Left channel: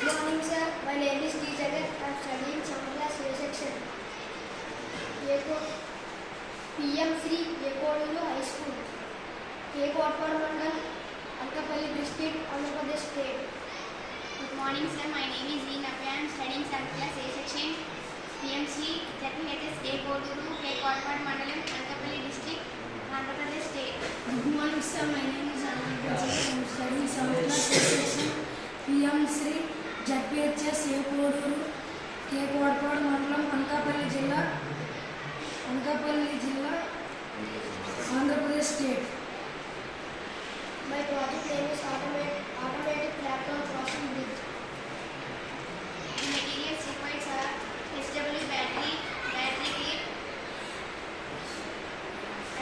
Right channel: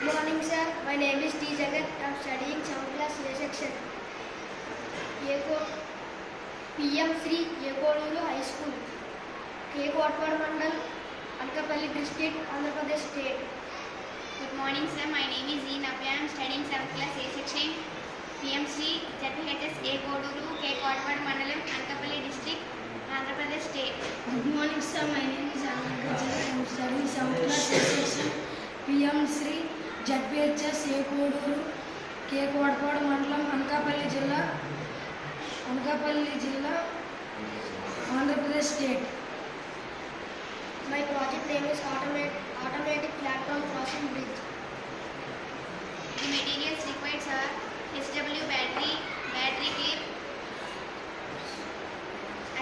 Good morning, sir. My name is T. Jagat. I am studying 7th class A section. PM Sri Yekoduru High School. K. Kotpad Mandal, Anakapalli District, Andhra Pradesh State. Good morning, sir. My name is E. Navya. I am studying 7th class A section. PM Sri ZPHS Yekoduru, K. Kotpad Mandalam, Anakapalli District, Andhra Pradesh State. Good morning, sir. My name is Anand. I am studying 7th class A section. PM Sri ZPHS Yekoduru, K. Kotpad Mandalam, Anakapalli Jilla, Andhra Pradesh State. My project name is Automatic Platform Crossing Bridge. The materials required are HW battery clip,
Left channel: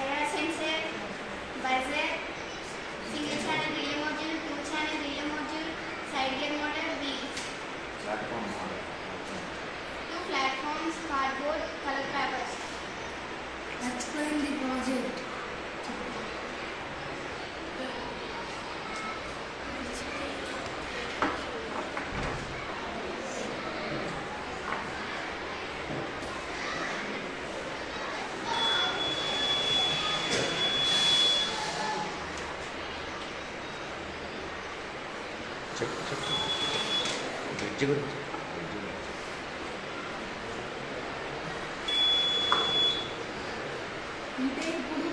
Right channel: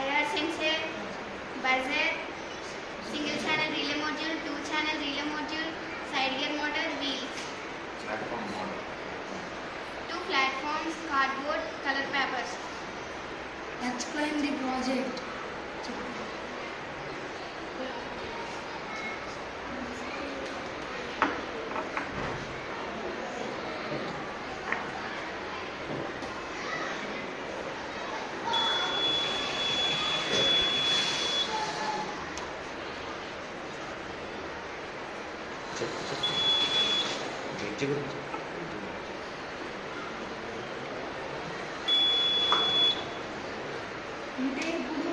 IR sensor, buzzer, single channel relay module, 2-channel relay module, side gear motor, wheels. 2 platforms, cardboard, color papers. Explain the project. అంటే ఇప్పుడు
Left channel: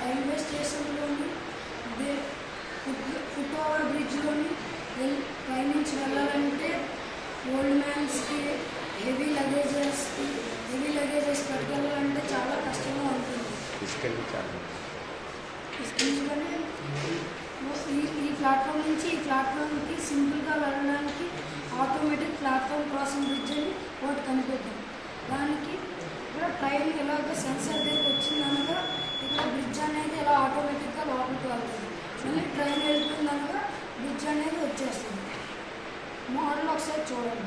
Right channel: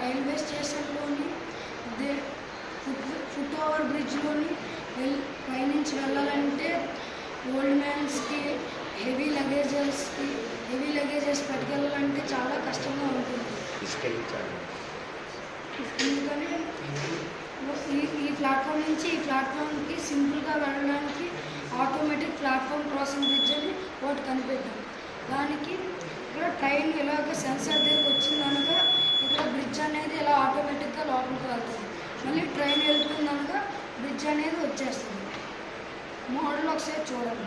రైల్వే స్టేషన్లోని foot over బ్రిడ్జ్లోని ట్రైన్ నుంచి వెళ్ళాలంటే ఓల్డ్ మ్యాన్స్కి heavy luggages పట్టుకెళ్ళాలంటే చాలా కష్టంగా ఉంటుంది. ఎందుకని ఈ ప్లాట్ఫామ్ నుంచి ఈ ప్లాట్ఫామ్కి సింపుల్గా వెళ్ళడానికి ఆటోమేటిక్ ప్లాట్ఫామ్ క్రాసింగ్ బ్రిడ్జ్ అని ఒకటి కనిపెట్టాం. దానికి ఇక్కడ ట్రైన్ ఇలాగ సెన్సార్ దగ్గరికి వచ్చిందనగా ఇక్కడ బ్రిడ్జ్ అనేది ఇలా ఆటోమేటిక్గా లోపలికి వెళ్తుంది. మళ్ళీ ట్రైన్ వెళ్ళిపోయిందనగా బ్రిడ్జ్ అనేది వచ్చేస్తుంది. మోడల్ ఒకసారి చూడండి.